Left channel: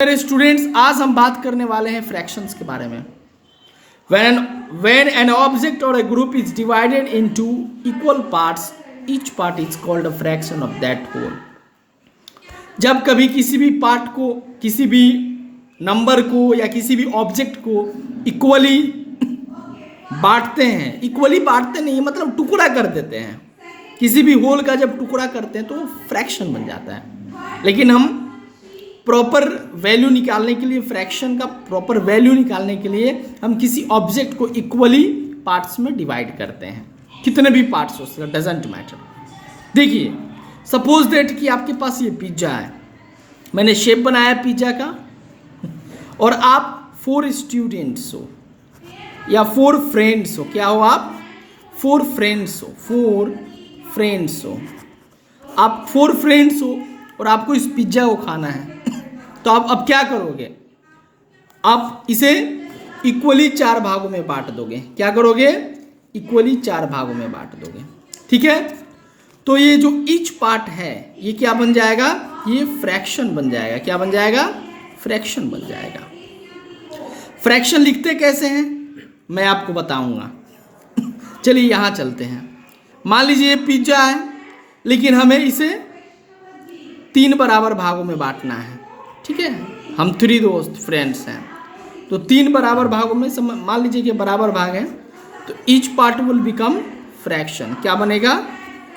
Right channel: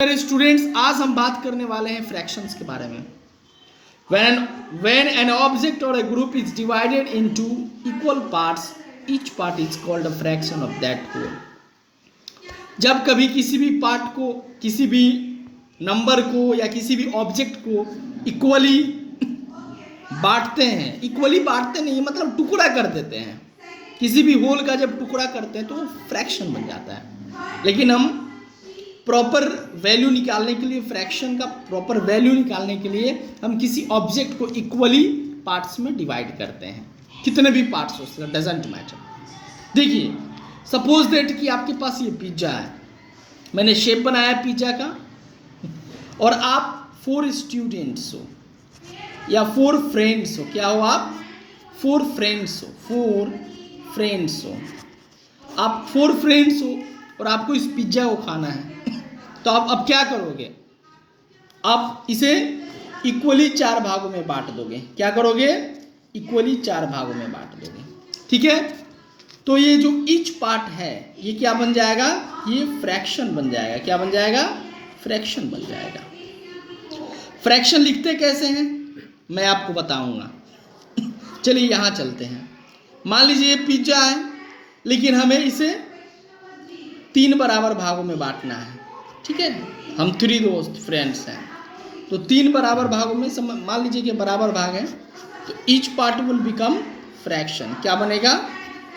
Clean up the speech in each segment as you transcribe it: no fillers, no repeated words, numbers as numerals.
मेरे स्टूडेंट्स, आज हम बात करने वाले हैं फ्रैक्शंस के बारे में। When an object or a group is divided into equal parts, each part is called a fraction of that whole. जब कभी किसी भी पार्ट को, किसी भी नंबर को या किसी भी ऑब्जेक्ट को इक्वली बांटते हैं, इक्वली बांटते नहीं मतलब टुकड़ा कर देते हैं, किसी भी होल का जब टुकड़ा करते हैं तो फ्रैक्शन बन जाता है। लेकिन हम प्रॉपर वैल्यू निकालने के लिए, फ्रैक्शन का प्रॉपर वैल्यू निकालने के लिए हम किसी ऑब्जेक्ट को इक्वली पार्ट्स में डिवाइड करते हैं, कितने भी पार्ट्स हो सकते, डजेंट मैटर। देखिए, सपोज दैट कि आपके पास ये पिज्ज़ा है, मैंने शेप बनाया पिज्ज़ा का, और आप 4 स्टूडेंट्स हो या 4 फ्रेंड्स हो। क्या हो आप? 4 फ्रेंड्स हो, 4 फ्रेंड्स हो। आप 4 फ्रेंड्स हो और आपको इस पिज्ज़ा को खाना है, तो आप अब क्या करोगे? आप इसे इक्वली 4 भागों में बांट दोगे। क्या करोगे? इक्वली 4 भागों में बांट दोगे। ठीक है, तो ये जो ईच पार्ट है ये क्या बन जाएगा? ये फ्रैक्शन बन जाएगा। क्या बन जाएगा? फ्रैक्शन बन जाएगा। फ्रैक्शन लिखते कैसे हैं मैं आपको बताऊंगा। चलिए यहाँ चलते हैं। मान लीजिए पिज्ज़ा है, लेकिन हमें इसे 3 बराबर भागों में बांटना है। ठीक है, हम 3 दोस्त फ्रेंड्स हैं, तो 3 बराबर भागों में मान लीजिए कि बराबर भाग हैं, तो each part will become fraction. क्या बनेगा?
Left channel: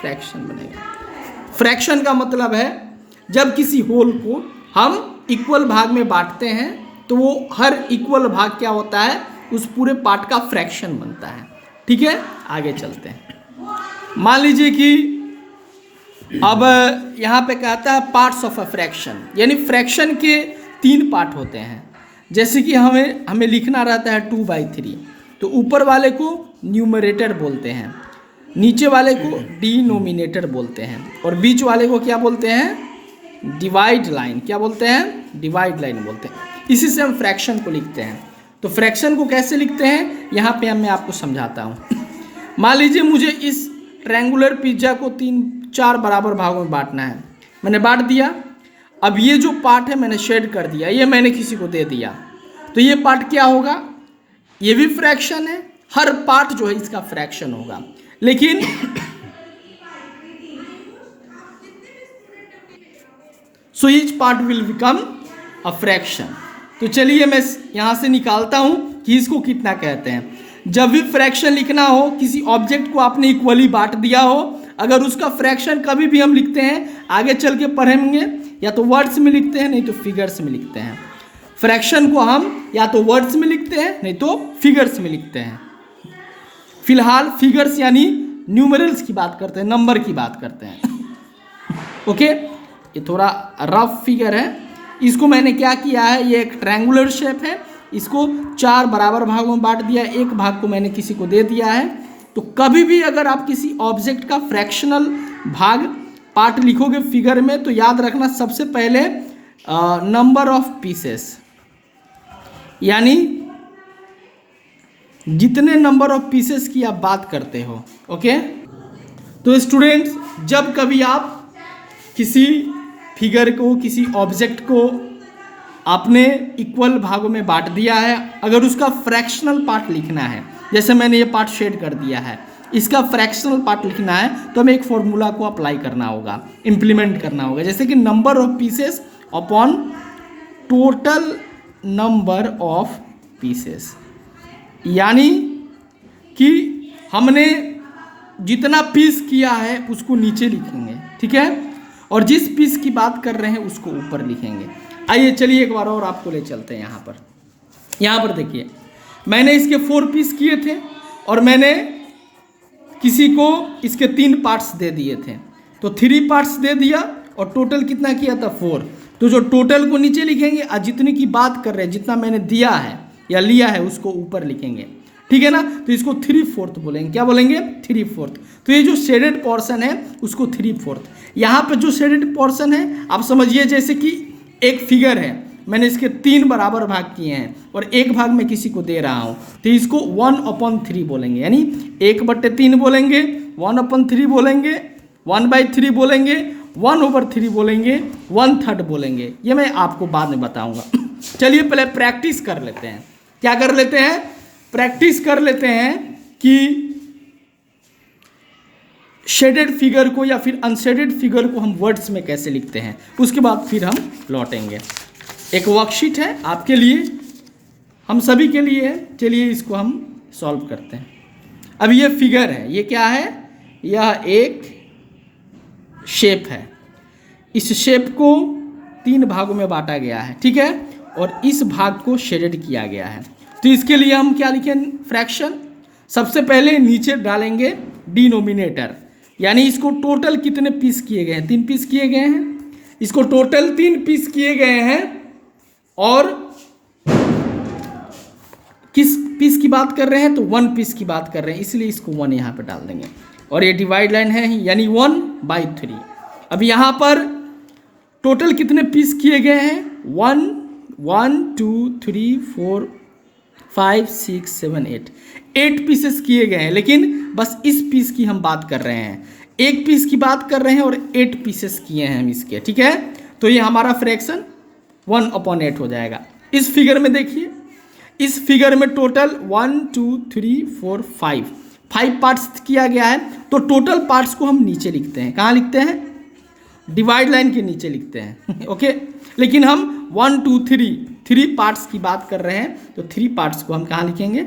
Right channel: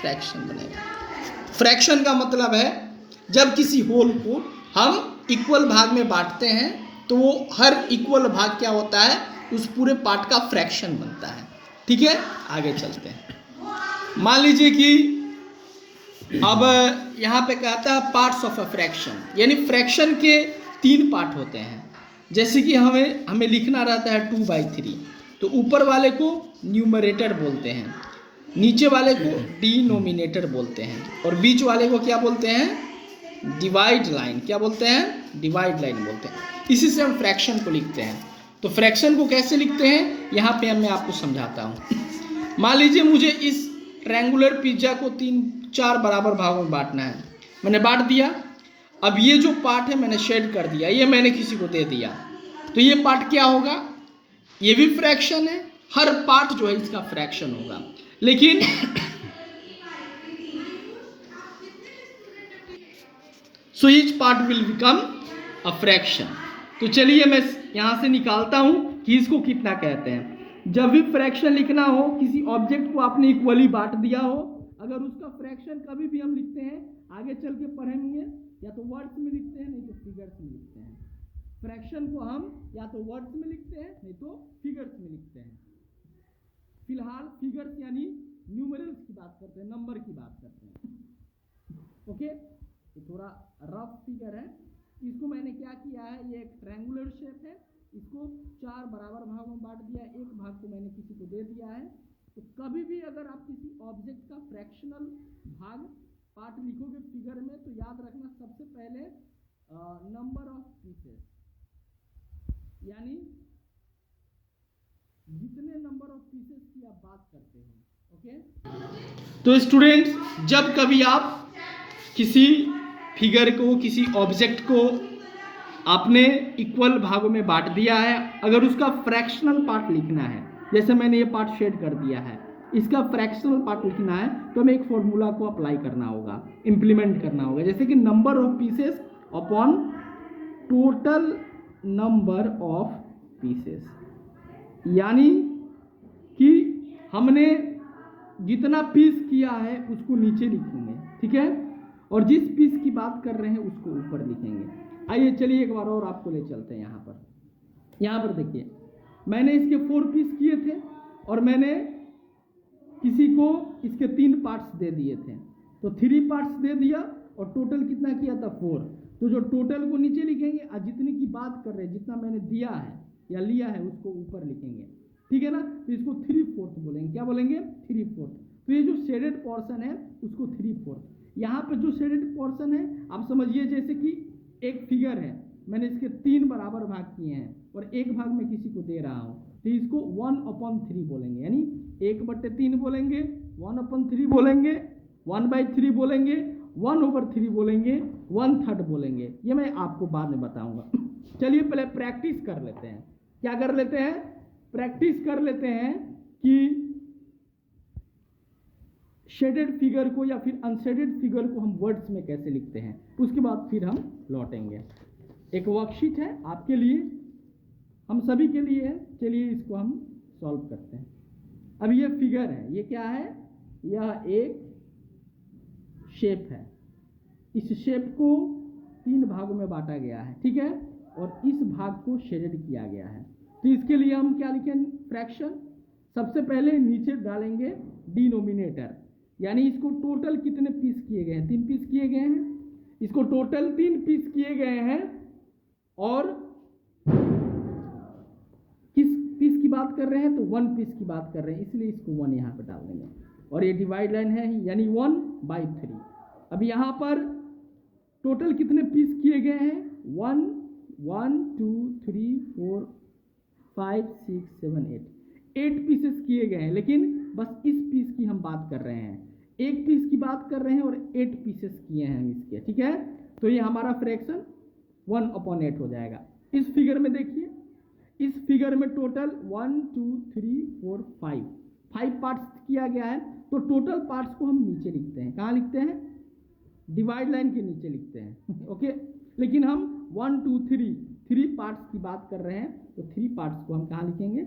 फ्रैक्शन बनेगा। फ्रैक्शन का मतलब है जब किसी होल को हम इक्वल भाग में बांटते हैं तो वो हर इक्वल भाग क्या होता है? उस पूरे पार्ट का फ्रैक्शन बनता है। ठीक है, आगे चलते हैं। मान लीजिए कि अब यहाँ पे कहता है पार्ट्स ऑफ अ फ्रैक्शन, यानी फ्रैक्शन के 3 पार्ट होते हैं। जैसे कि हमें लिखना रहता है 2/3, तो ऊपर वाले को न्यूमरेटर बोलते हैं, नीचे वाले को डिनोमिनेटर बोलते हैं, और बीच वाले को क्या बोलते हैं? Divide line. क्या बोलते हैं? डिवाइड लाइन बोलते हैं। इसी से हम फ्रैक्शन को लिखते हैं। तो फ्रैक्शन को कैसे लिखते हैं यहाँ पे मैं आपको समझाता हूँ। मान लीजिए मुझे इस ट्रायंगुलर पिज्ज़ा को 3-4 बराबर भागों में बांटना है। मैंने बांट दिया। अब ये जो पार्ट है मैंने शेड कर दिया, ये मैंने किसी को दे दिया, तो ये पार्ट क्या होगा? ये भी फ्रैक्शन है, हर पार्ट जो है इसका फ्रैक्शन होगा। लेकिन so each part will become a fraction. तो चलिए मैं यहां से निकालता हूं कि इसको कितना कहते हैं। जब भी फ्रैक्शन लिखना हो, किसी ऑब्जेक्ट को आपने इक्वली बांट दिया हो, अगर उसका फ्रैक्शन कभी भी हम लिखते हैं, आगे चल के पढ़ेंगे, या तो वर्ड्स में लिखते हैं नहीं तो फिगर्स में लिखते हैं। फ्रैक्शन को हम या तो वर्ड्स में लिखते हैं नहीं तो फिगर्स में लिखते हैं। फिलहाल फिगर्स यानी न्यूमरल्स की बात करते हैं, नंबर की बात करते हैं। ओके, ये थोड़ा रफ फिगर है। इसको मैंने क्या किया है, ये एक ट्रायंगुलर शेप है, इसको 4 बराबर भागों में बांट दिया, एक भाग को मैंने किसी को दे दिया है। तो कभी भी अगर आप किसी ऑब्जेक्ट का फ्रैक्शनल भाग पार्ट लिखोगे फिगर में, तो याद रखना सबसे पहले नंबर ऑफ पीसेस, यानी जितने नंबर ऑफ पीसेस की आप बात करते हो। ओके, तो स्टूडेंट्स, जब कभी आप किसी फिगर को, किसी ऑब्जेक्ट को आपने इक्वल भागों में बांट दिया है, अगर उसका फ्रैक्शनल पार्ट लिखना है, जैसे मैंने ये पार्ट शेड कर दिया है, इसका फ्रैक्शनल पार्ट लिखना है, तो हमें एक फॉर्मूला को अप्लाई करना होगा, इम्प्लीमेंट करना होगा, जैसे कि number of pieces upon total number of pieces. यानी कि हमने जितना पीस किया है उसको नीचे लिखेंगे, ठीक है, और जिस पीस की बात कर रहे हैं उसको ऊपर लिखेंगे। आइए चलिए एक बार और आपको ले चलते हैं। यहाँ पर देखिए, मैंने इसके 4 पीस किए थे और मैंने किसी को इसके 3 पार्ट्स दे दिए थे, तो 3 पार्ट्स दे दिया और टोटल कितना किया था? 4। तो जो टोटल को नीचे लिखेंगे और जितने की बात कर रहे हैं, जितना मैंने दिया है या लिया है, उसको ऊपर लिखेंगे। ठीक है ना, तो इसको 3/4 बोलेंगे। क्या बोलेंगे? 3/4। तो ये जो शेडेड पोर्शन है उसको 3/4। यहाँ पर जो शेडेड पोर्शन है आप समझिए जैसे कि एक फिगर है, मैंने इसके 3 बराबर भाग किए हैं और एक भाग मैं किसी को दे रहा हूँ, तो इसको 1/3 बोलेंगे, यानी 1/3 बोलेंगे, 1/3 बोलेंगे, 1/3 बोलेंगे, 1/3 बोलेंगे, 1/3 बोलेंगे, ये मैं आपको बाद में बताऊंगा। चलिए पहले प्रैक्टिस कर लेते हैं। क्या कर लेते हैं? प्रैक्टिस कर लेते हैं कि शेडेड फिगर को या फिर अनशेडेड फिगर को हम वर्ड्स में कैसे लिखते हैं, उसके बाद फिर हम लौटेंगे। एक वर्कशीट है आपके लिए, हम सभी के लिए है। चलिए इसको हम सॉल्व करते हैं। अब ये फिगर है, ये क्या है? यह एक शेप है। इस शेप को 3 भागों में बांटा गया है, ठीक है, और इस भाग को शेडेड किया गया है। तो इसके लिए हम क्या लिखें? फ्रैक्शन। सबसे पहले नीचे डालेंगे डिनोमिनेटर, यानी इसको टोटल कितने पीस किए गए हैं? 3 पीस किए गए हैं। इसको टोटल 3 पीस किए गए हैं, और किस पीस की बात कर रहे हैं? तो 1 पीस की बात कर रहे हैं, इसलिए इसको 1 यहाँ पे डाल देंगे। और ये डिवाइड लाइन है, यानी 1/3। अब यहाँ पर टोटल कितने पीस किए गए हैं? 1 2 3 4 5 6 7 8 पीसेस किए गए हैं, लेकिन बस इस पीस की हम बात कर रहे हैं। एक पीस की बात कर रहे हैं और 8 पीसेस किए हैं हम इसके, ठीक है। तो ये हमारा फ्रैक्शन 1/8 हो जाएगा। इस फिगर में देखिए, इस फिगर में टोटल 1 2 3 4 5 पार्ट्स किया गया है। तो टोटल पार्ट्स को हम नीचे लिखते हैं। कहाँ लिखते हैं? डिवाइड लाइन के नीचे लिखते हैं। ओके, लेकिन हम 1 2 3 पार्ट्स की बात कर रहे हैं, तो 3 पार्ट्स को हम कहाँ लिखेंगे?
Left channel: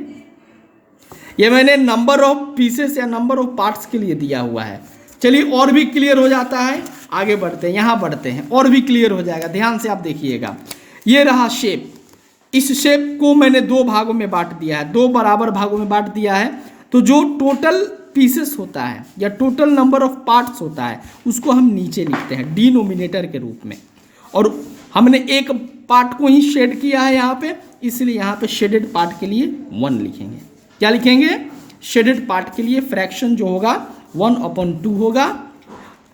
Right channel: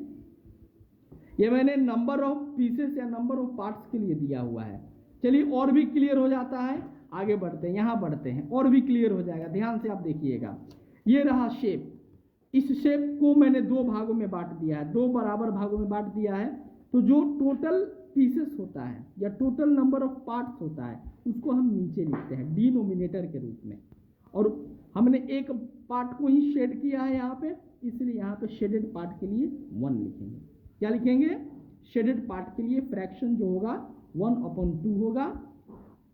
ये मैंने नंबर ऑफ पीसेस या नंबर ऑफ पार्ट्स के लिए दिया हुआ है। चलिए और भी क्लियर हो जाता है, आगे बढ़ते हैं, यहाँ बढ़ते हैं, और भी क्लियर हो जाएगा। ध्यान से आप देखिएगा, ये रहा शेप। इस शेप को मैंने 2 भागों में बांट दिया है, 2 बराबर भागों में बांट दिया है। तो जो टोटल पीसेस होता है या टोटल नंबर ऑफ पार्ट्स होता है, उसको हम नीचे लिखते हैं डिनोमिनेटर के रूप में। और हमने एक पार्ट को ही शेड किया है यहाँ पे, इसलिए यहाँ पे शेडेड पार्ट के लिए 1 लिखेंगे। क्या लिखेंगे? शेडेड पार्ट के लिए फ्रैक्शन जो होगा 1/2 होगा।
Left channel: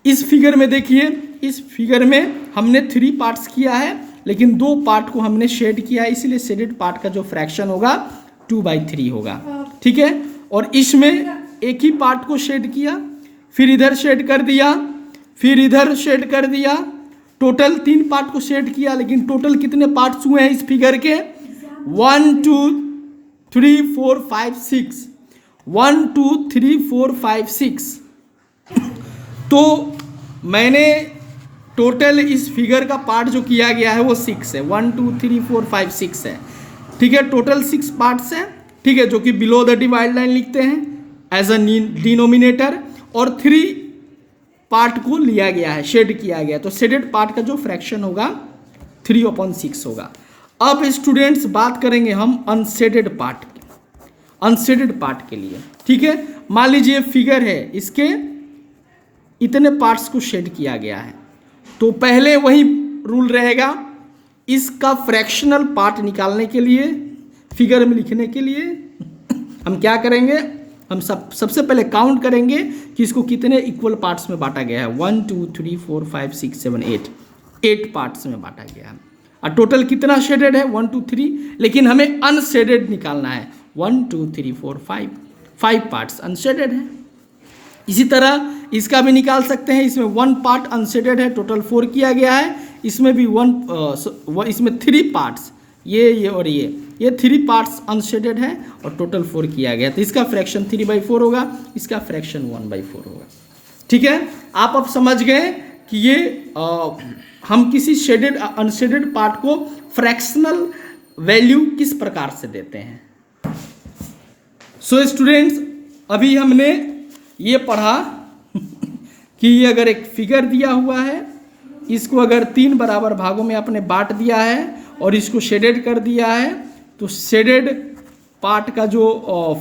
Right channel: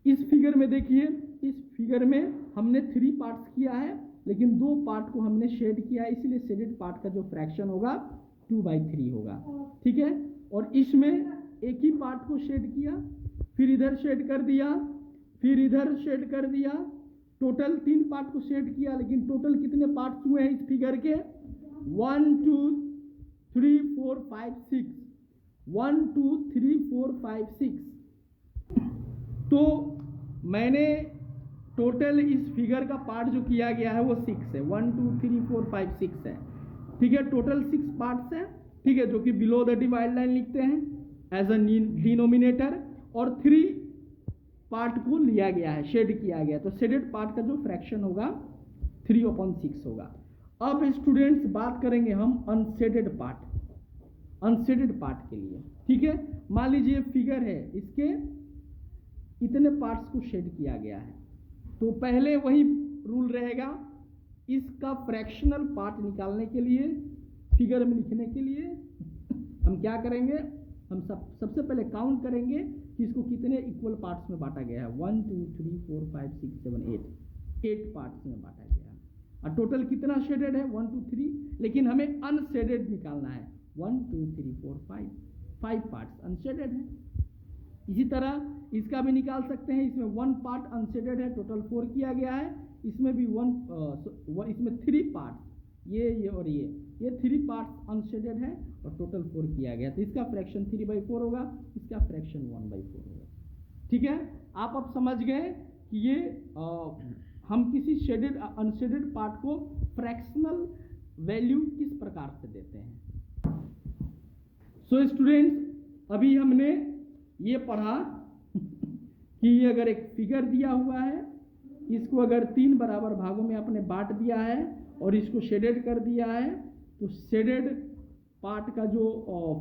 इस फिगर में देखिए, इस फिगर में हमने 3 पार्ट्स किया है, लेकिन 2 पार्ट को हमने शेड किया है, इसलिए शेडेड पार्ट का जो फ्रैक्शन होगा 2/3 होगा, ठीक है। और इसमें एक ही पार्ट को शेड किया, फिर इधर शेड कर दिया, फिर इधर शेड कर दिया। टोटल 3 पार्ट को शेड किया, लेकिन टोटल कितने पार्ट्स हुए हैं इस फिगर के? 1 2 3 4 5 6 1 2 3 4 5 6। तो मैंने टोटल इस फिगर का पार्ट जो किया गया है वो 6 है। 1 2 3 4 5 6 है, ठीक है। टोटल 6 पार्ट्स हैं, ठीक है, जो कि बिलो द डिवाइड लाइन लिखते हैं एज अ डिनोमिनेटर। और 3 पार्ट को लिया गया है, शेड किया गया, तो शेडेड पार्ट का जो फ्रैक्शन होगा 3/6 होगा। अब स्टूडेंट्स बात करेंगे हम अनशेडेड पार्ट, अनशेडेड पार्ट के लिए, ठीक है। मान लीजिए फिगर है, इसके इतने पार्ट्स को शेड किया गया है, तो पहले वही रूल रहेगा। इसका फ्रैक्शनल पार्ट निकालने के लिए, फिगर में लिखने के लिए हम क्या करेंगे? हम सबसे पहले काउंट करेंगे कि इसको कितने इक्वल पार्ट्स में बांटा गया है। 1 2 3 4 5 6 7 8 पार्ट्स में बांटा गया है। और टोटल कितना शेडेड है? 1 2 3, लेकिन हमें अनशेडेड निकालना है। 1 2 3 4 5 पार्ट्स अनशेडेड है। इसी तरह इसका भी निकाल सकते हैं। इसमें 1 पार्ट अनशेडेड है, टोटल 4 किया गया है। इसमें भी इसमें 3 पार्ट्स, ये और ये 3 पार्ट्स अनशेडेड है और टोटल 4 किया गया। तो इसका फ्रैक्शन 3/4 होगा, इसका फ्रैक्शन 1/4 होगा, ठीक है। आप अब समझ गए कि ये हम किसी शेडेड अनशेडेड पार्ट को फ्रैक्शनल वैल्यू किस प्रकार से देते हैं। सो स्टूडेंट्स, अभी हमने ये पढ़ा कि ये अगर एक फिगर दिया हुआ है, इसको अगर 3 बराबर भागों में आपने बांट दिया है और इसको शेडेड कर दिया है, तो शेडेड पार्ट का जो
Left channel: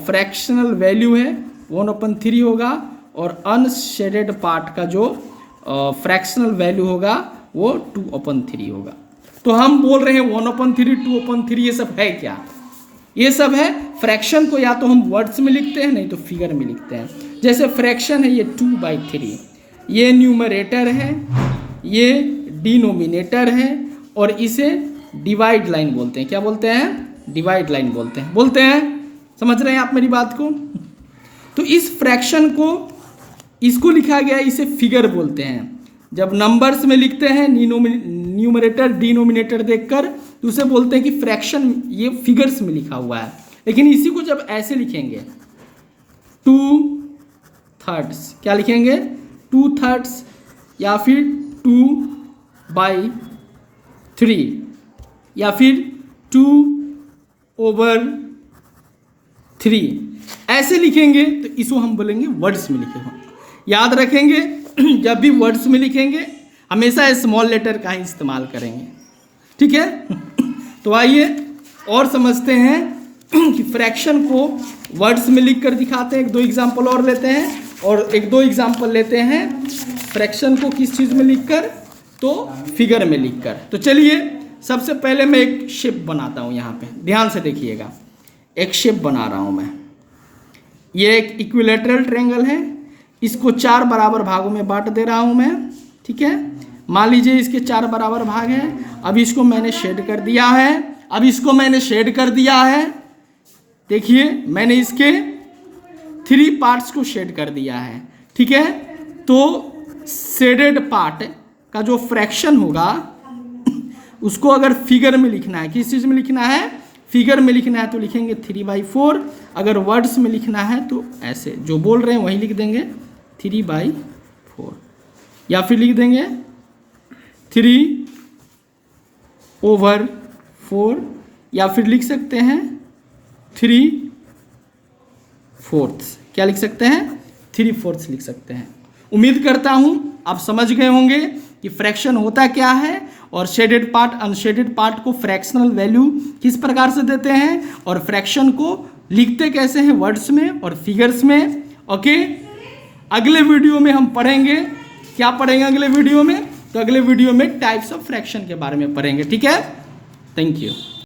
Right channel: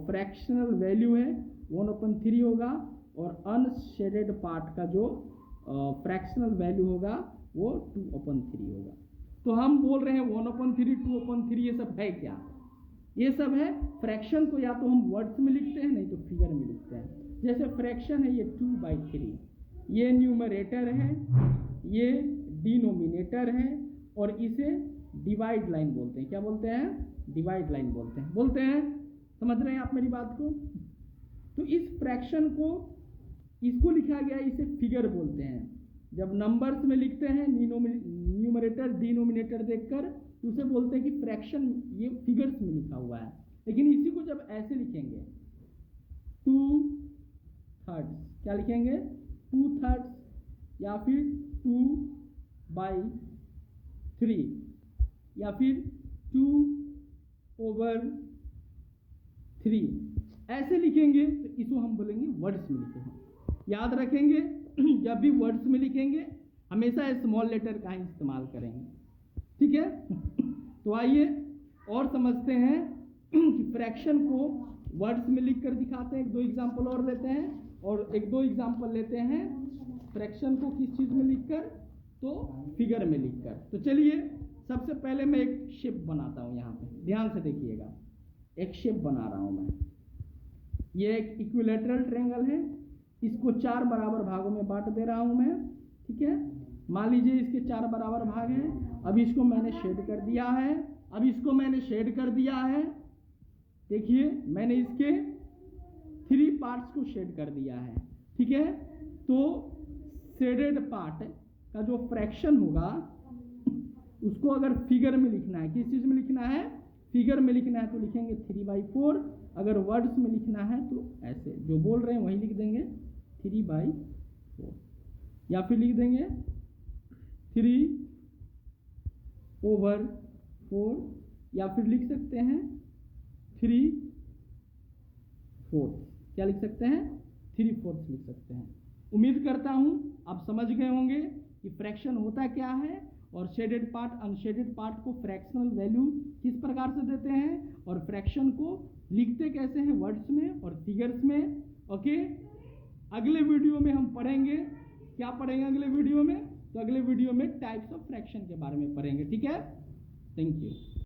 फ्रैक्शनल वैल्यू है 1/3 होगा, और अनशेडेड पार्ट का जो फ्रैक्शनल वैल्यू होगा वो 2/3 होगा। तो हम बोल रहे हैं 1/3 2/3 ये सब है क्या? ये सब है फ्रैक्शन को या तो हम वर्ड्स में लिखते हैं, नहीं तो फिगर में लिखते हैं। जैसे फ्रैक्शन है ये 2/3, ये न्यूमरेटर है, ये डिनोमिनेटर है, और इसे डिवाइड लाइन बोलते हैं। क्या बोलते हैं? डिवाइड लाइन बोलते हैं। समझ रहे हैं आप मेरी बात को? तो इस फ्रैक्शन को, इसको लिखा गया, इसे फिगर बोलते हैं। जब नंबर्स में लिखते हैं न्यूमरेटर डिनोमिनेटर देखकर तो उसे बोलते हैं कि फ्रैक्शन, ये फिगर्स में लिखा हुआ है। लेकिन इसी को जब ऐसे लिखेंगे 2/3, क्या लिखेंगे 2/3 या फिर 2/3 या फिर 2/3 ऐसे लिखेंगे तो इसको हम बोलेंगे वर्ड्स में लिखे हो। याद रखेंगे जब भी वर्ड्स में लिखेंगे हमेशा स्मॉल लेटर का ही इस्तेमाल करेंगे, ठीक है। तो आइए और समझते हैं कि फ्रैक्शन को वर्ड्स में लिख कर दिखाते हैं। एक दो एग्जाम्पल और लेते हैं और एक दो एग्जाम्पल लेते हैं फ्रैक्शन को किस चीज़ में लिखकर, तो फिगर में लिखकर। तो चलिए सबसे पहले मैं एक शेप बनाता हूँ। यहाँ पे ध्यान से देखिएगा, एक शेप बना रहा हूँ मैं। ये एक इक्विलेटरल ट्रायंगल है, इसको 4 बराबर भागों में बांट दे रहा हूँ मैं, ठीक है। मान लीजिए इसके 4 बराबर भाग हैं। अब इसको मैंने शेड कर दिया है, देखिए मैंने इसके 3 पार्ट्स को शेड कर दिया है, ठीक है। तो शेडेड पार्ट का जो फ्रैक्शन होगा उसको अगर फिगर में लिखना है, किस चीज़ में लिखना है, फिगर में लिखना है तो लिखेंगे 3/4। अगर वर्ड्स में लिखना है तो ऐसे जो बोल रहे हैं वही लिख देंगे 3/4, या फिर लिख देंगे 3/4, या फिर लिख सकते हैं 3/4। क्या लिख सकते हैं, 3/4 लिख सकते हैं। उम्मीद करता हूं आप समझ गए होंगे कि फ्रैक्शन होता क्या है और शेडेड पार्ट अनशेडेड पार्ट को फ्रैक्शनल वैल्यू किस प्रकार से देते हैं और फ्रैक्शन को लिखते कैसे हैं, वर्ड्स में और फिगर्स में। ओके, अगले वीडियो में हम पढ़ेंगे, क्या पढ़ेंगे अगले वीडियो में, तो अगले वीडियो में टाइप्स ऑफ फ्रैक्शन के बारे में पढ़ेंगे, ठीक है। Thank you.